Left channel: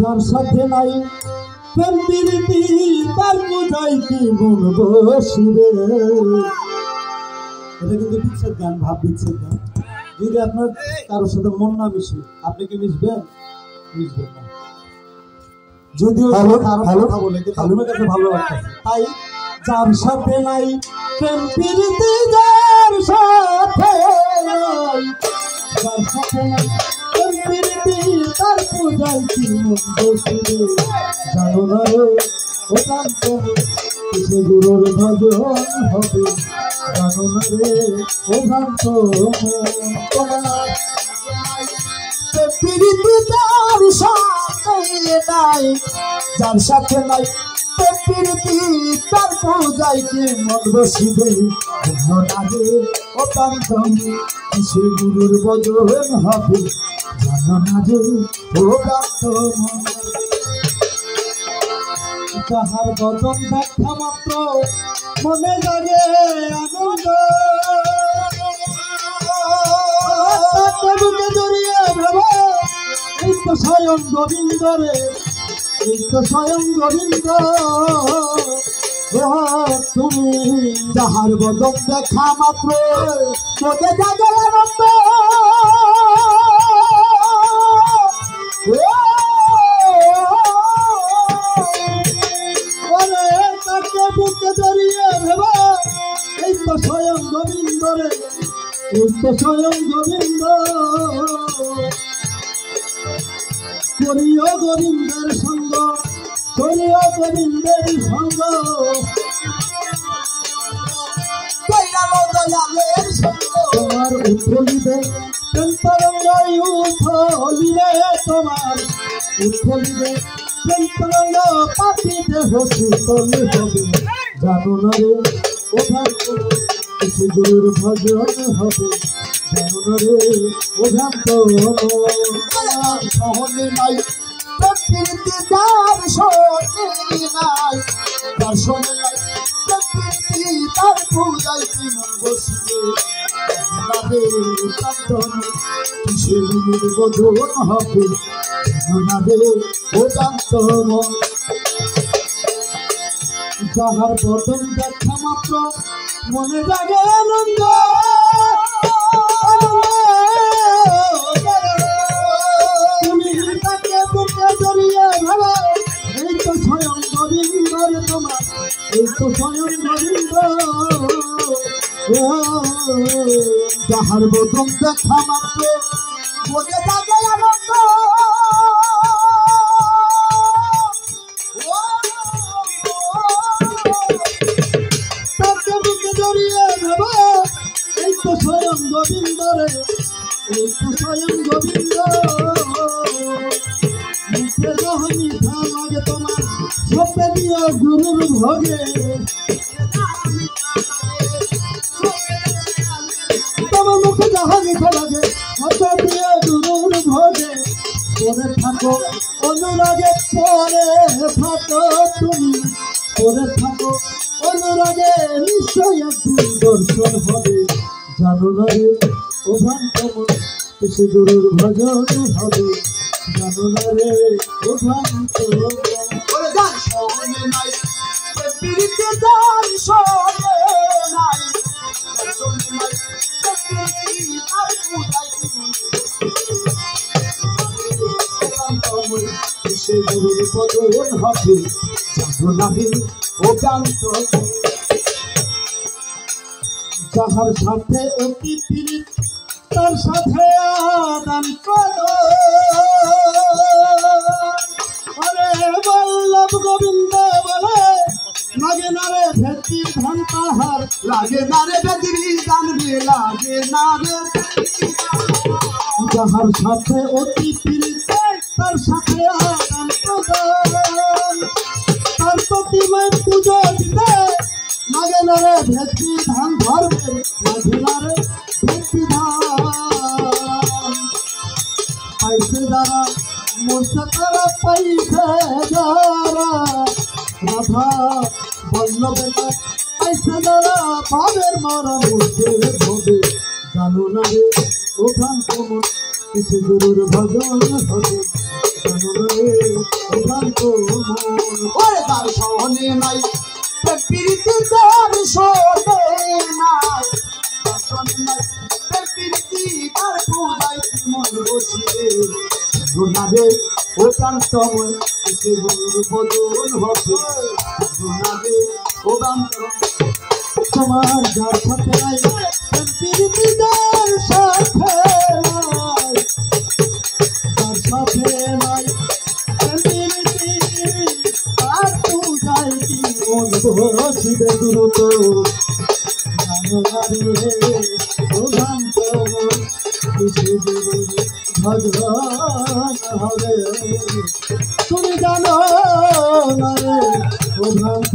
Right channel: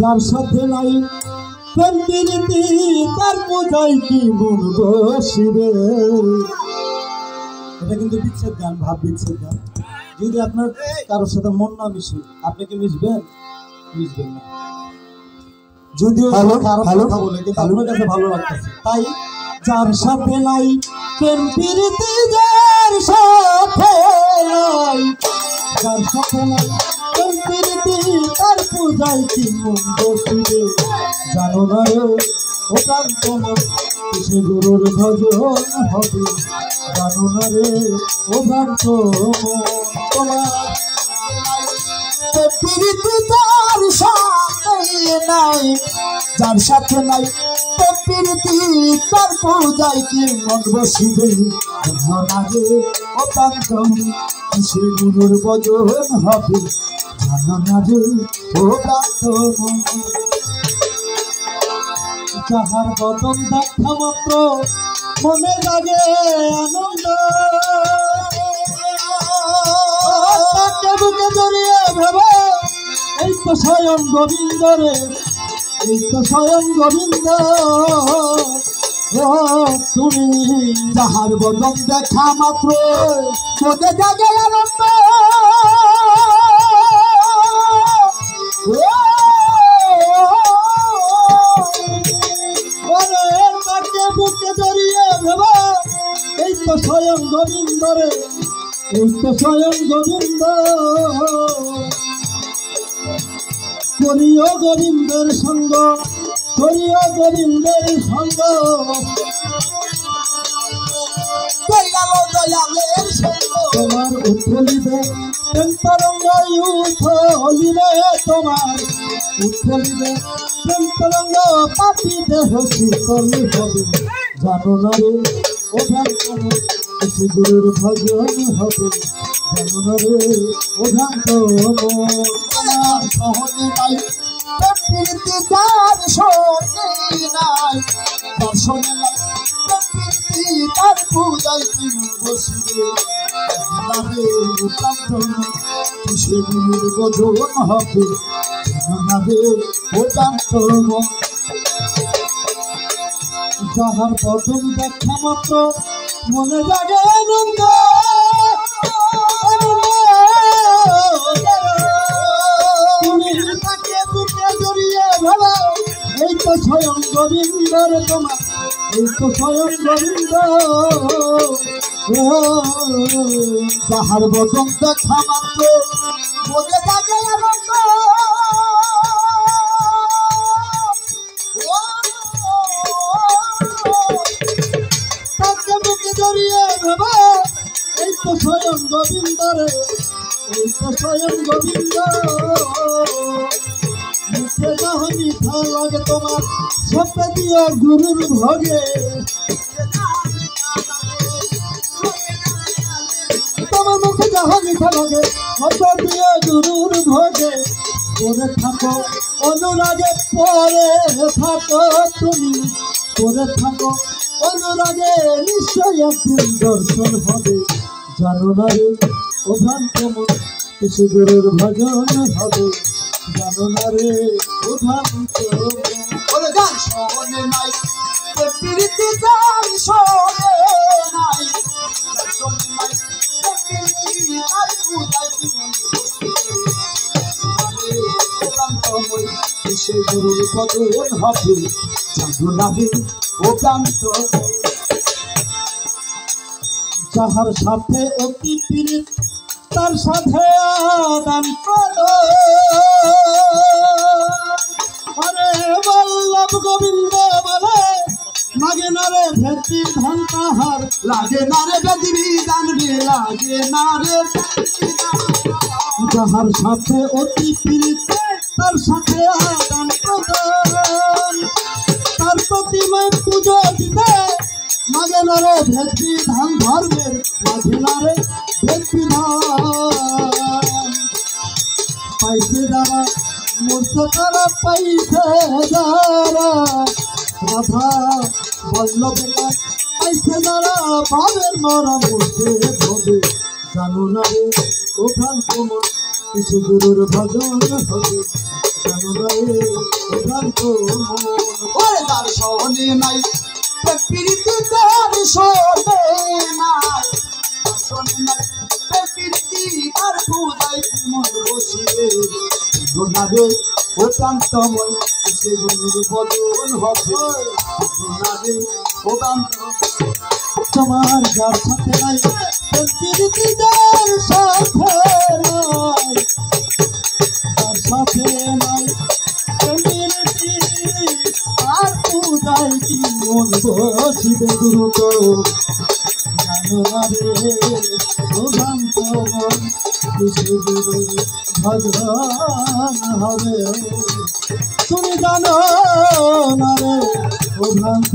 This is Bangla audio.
যার সাথে নাই প্রেম প্রীতি তার বোঝাই কি মন বসিবে। এটা কিন্তু বিচ্ছেদ গান, ভাব বিচ্ছেদ গান। যদি আপনার কারোর সাথে মন না মিশে আপনি কি মিশবেন? মিশবেন না। যদিও ভালো কথা বলে কিন্তু আপনার কাছে ভালো লাগতেছে। তাই যার সাথে নাই প্রেম প্রীতি, যার সাথে নাই, যার সাথে নাই প্রেম প্রীতি তার পূজায় কি মন বসিবে। জানো না রে ও প্রাণ তোমার কিসে গুরুর ভজন হবে। জানো না রে ও প্রাণ তোমার প্রীতি তার সাথে নাই, যার সাথে নাই প্রীতি তার পূজায় কি মন বসিবে। জানো না রে ও প্রাণ তোমার কিসে গুরুর ভজন হবে। জানো না রে ও প্রাণ তোমার যাহার বদন দেখা মাত্র মনে লাগে আনন্দ। তাকে বুকে জড়িয়ে ভেবে এই তো স্বয়ং গোবিন্দ রে, এই তো স্বয়ং গোবিন্দ। তুমি যাহার বদন দেখা মাত্র মনে জাগে আনন্দ। বুকে জড়িয়ে ভেবা এই তো স্বয়ং গোবিন্দ রে, এই তো স্বয়ং গোবিন্দ। করিও গোবিন্দের সঙ্গ, করিও গোবিন্দের সঙ্গ, তোমার উঠলিবে প্রেম তরঙ্গ, উঠলিবে তোমার উঠলিবে প্রেম তরঙ্গ, পাপি দেহ শীতল হবে। জানো না রে ও প্রাণ তোমার কিসে গুরুর ভজন হবে। জানো না রে ও প্রাণ তোমার সহনে নাই প্রীতি তার সহনে নাই, তার সহনে নাই প্রীতি তার পূজায় কি মন বসিবে। জানো না রে ও প্রাণ তোমার কিসে গুরুর ভজন হবে। জানো না রে ও প্রাণ তোমার যাহার বদন দেখা মাত্র মনে জাগে আনন্দ। তুমি তাকে বুকে জড়িয়ে ভাবা এই তো স্বয়ং গোবিন্দ রে তোমার, এই তো স্বয়ং গোবিন্দ। যাহার বদন দেখা মাত্র মনে জাগে আনন্দ। এই তো স্বয়ং গোবিন্দ রে, এই তো স্বয়ং গোবিন্দ। মুখে যখন মিঠা লাগে তোমার সপে দিও গুরুর ভোগে। তোমার মুখে যখন মিঠা লাগে সপে দিও গুরুর ভোগে। পরে থাকো অনুরাগে, পরে থাকো তুমি, পরে থাকো অনুরাগে, নিশ্চয় একদিন দর্শন হবে। জানো না রে ও প্রাণ তোমার কিসে গুরুর ভজন হবে। জানো না রে ও প্রাণ তোমার সহনে নাই প্রীতি তার সহনে নাই, কিসে গুরুর ভজন হবে। জানো না রে ও প্রাণ তোমার যাহার সাথে অতি পীড়িত তার সাথে আদান করো। হরে বল্লভ গোবিন্দ বলে লাগে না রে ভেতি ধান তাহার, লাগে না রে ভেতি বিধান, লাগে না রে। যাহার সাথে অতি পীড়িত তার সাথে আদান করো, তার প্রতিমায় পুজো দিতে লাগে না রে ভেতি ধান ধর্মের, লাগে না রে ভেতি ধান। পাইছে যারা মরছে তারা, পাইছে যারা রাধা বল্লভের, পাইছে যারা ভাবের মরণ উঠে হবে। জানো না রে ও প্রাণ তোমার কিসে গুরুর ভজন হবে। ওরে দর্শনে নাই প্রকৃতি তার শোনে নাই দর্শনে নাই প্রকৃতি তার পূজায় মন বসিয়ে গুনারে ও প্রান্তময় সে গুণ বদল হবে গুনারে ও প্রান্তময় তোমার যার সাথে নাই প্রকৃতি তার সাথে নাই তার সাথে নাই প্রকৃতি তার পূজায় কি মন বসিবে দ্রুত জানো না রে ও প্রান্তময় ভগবান হবে তুমি জানো না রে ও ভ্রান্ত